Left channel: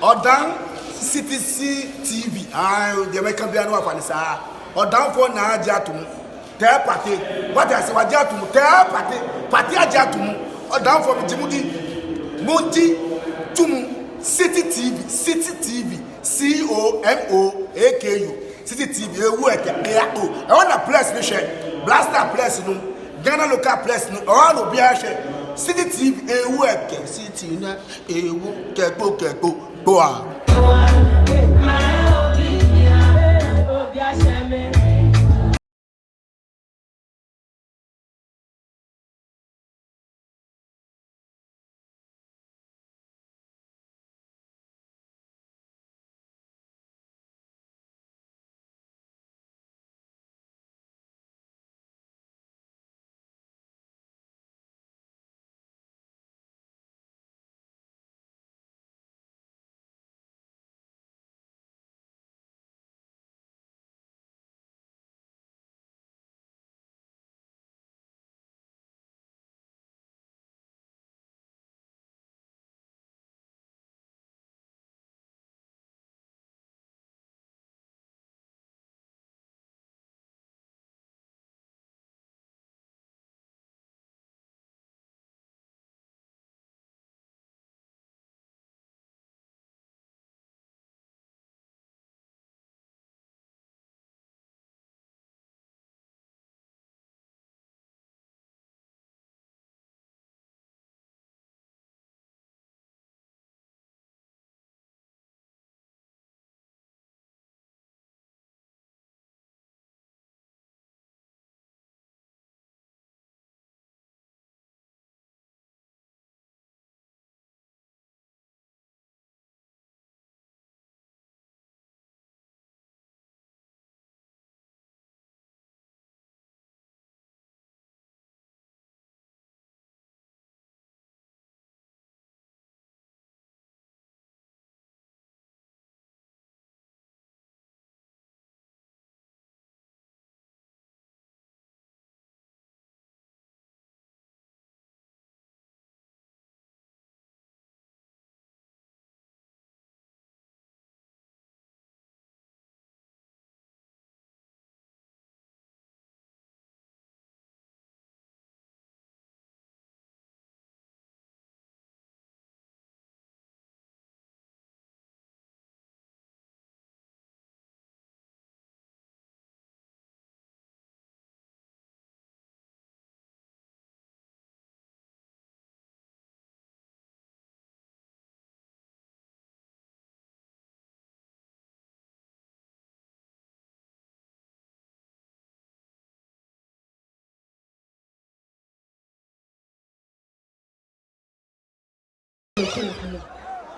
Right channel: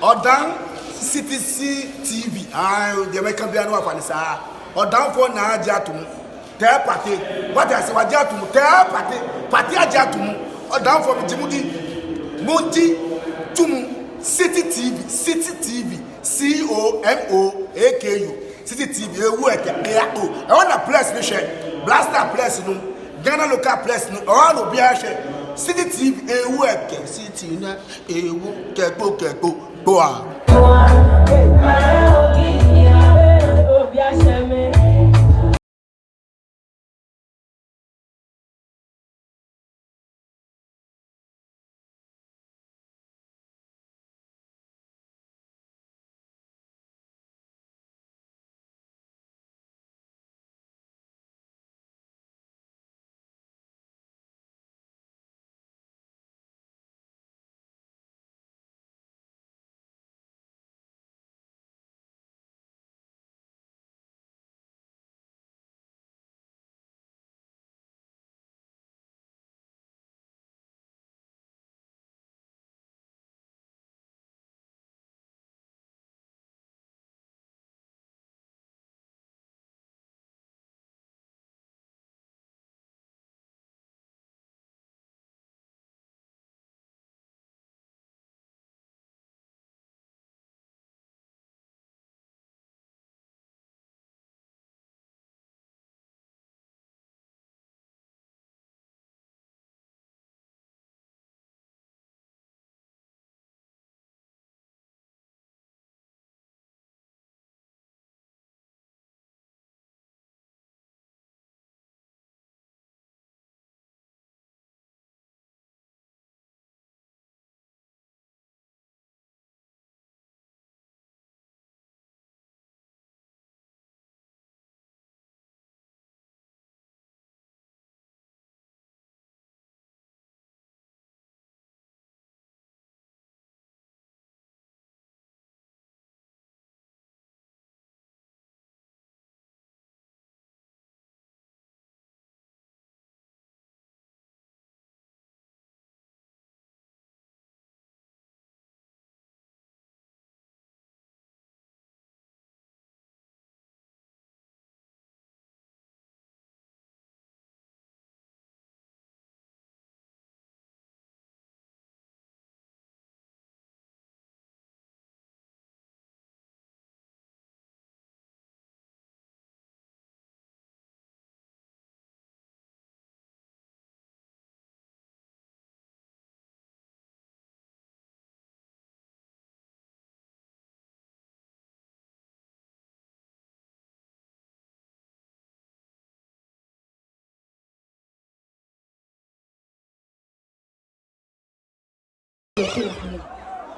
Odan CTC TV. The American piano of Anissa. Odan for na Jatum. Tell party. What I say, what Jatum? Tell party. Party Jatum. Odan for Jimudi. Monty Tumu. City TV. City TV. COMOAKU. City TV. I want a place, Blaster place, no. Ghana local place, no. All of the City TV, City, go on.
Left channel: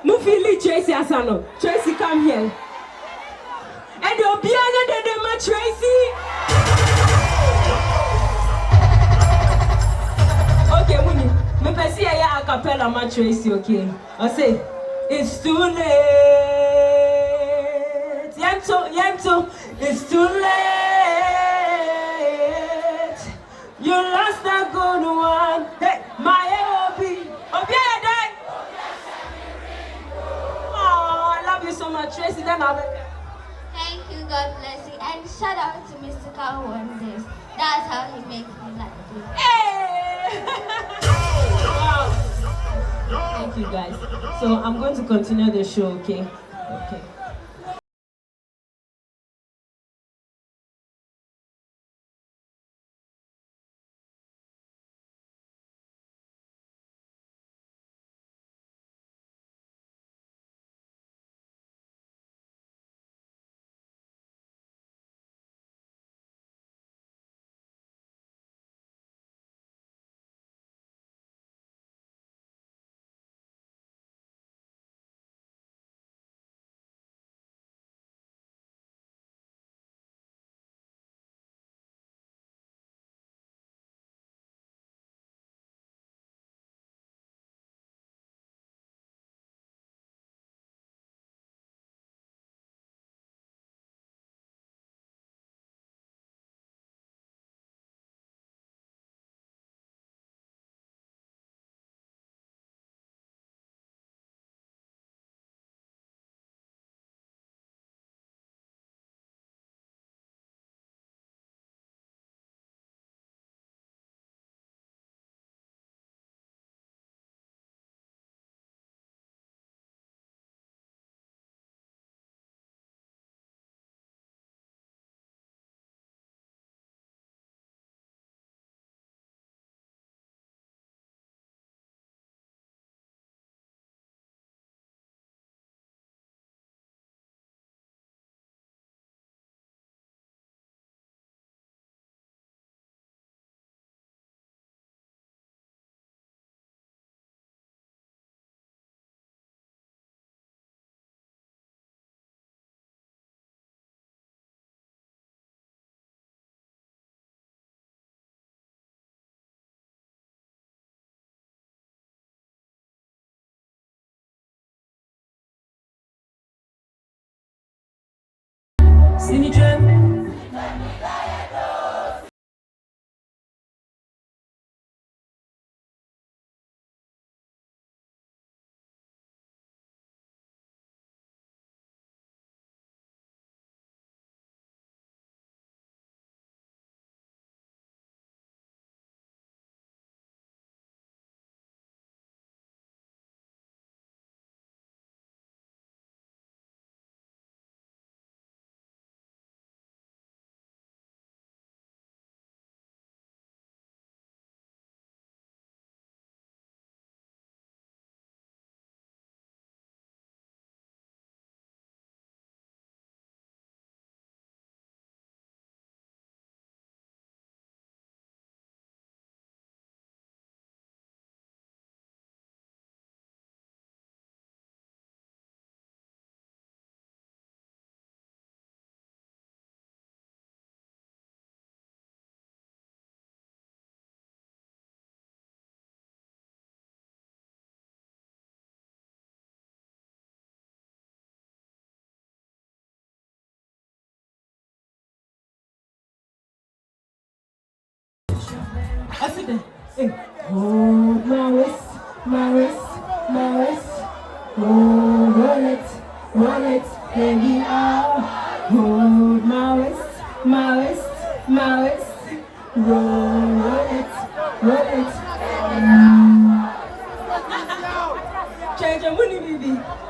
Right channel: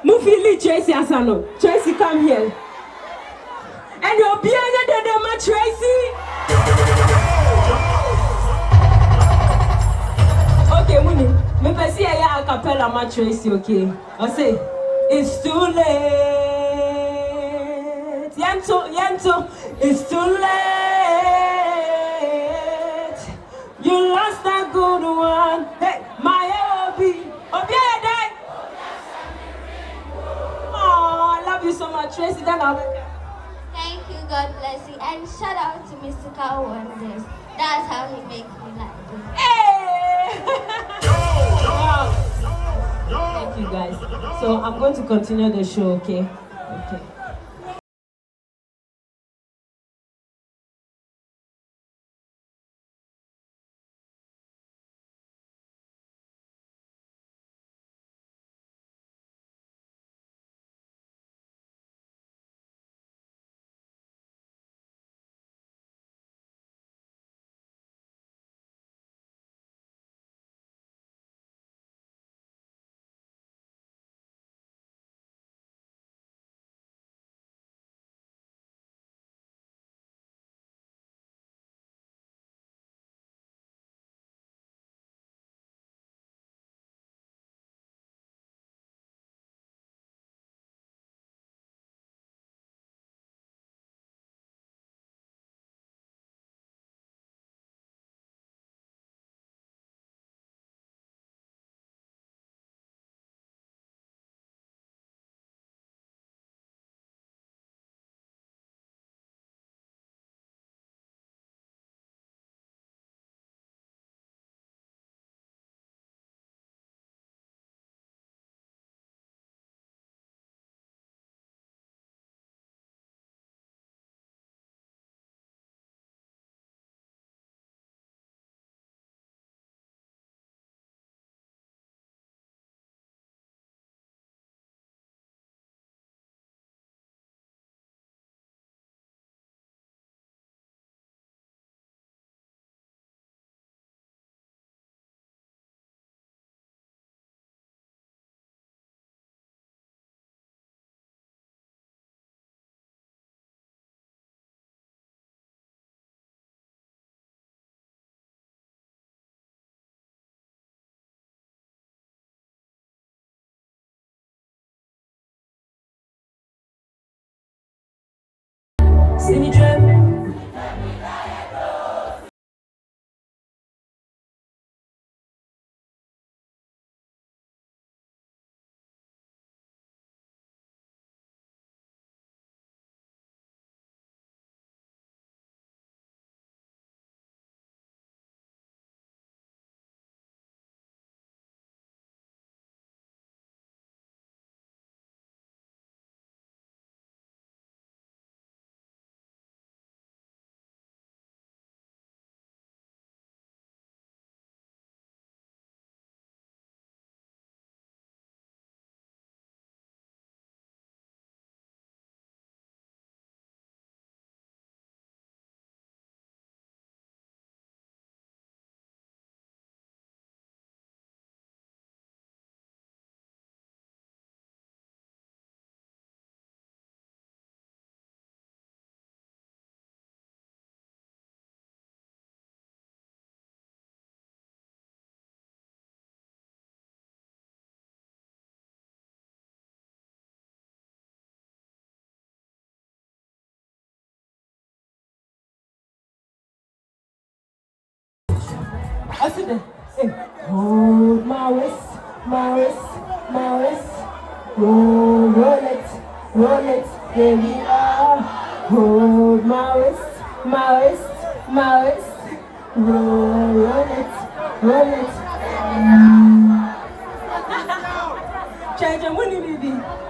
Mufili Tracy Asano. Tracy, come here. And you'll be under the match, Tracy. Okay, Muni. Me pesi ya a cappella match, Tracy, okay? I say, it's too late. Yanto, it's too late. You lost a good one. Hey, my Obi. I love you so much, Tracy. Thank you, God bless you. And shout out to Mr. Carl Wonders. That's how he makes me like you. Hey! Wow. Thank you, guys. So I'm going to continue the show, okay? Okay. I see that. Hey. Hold my wrist, my wrist, my wrist. Roll it, baby. Hold my wrist, my wrist, my wrist. Roll it. Charge, I'm winning, baby.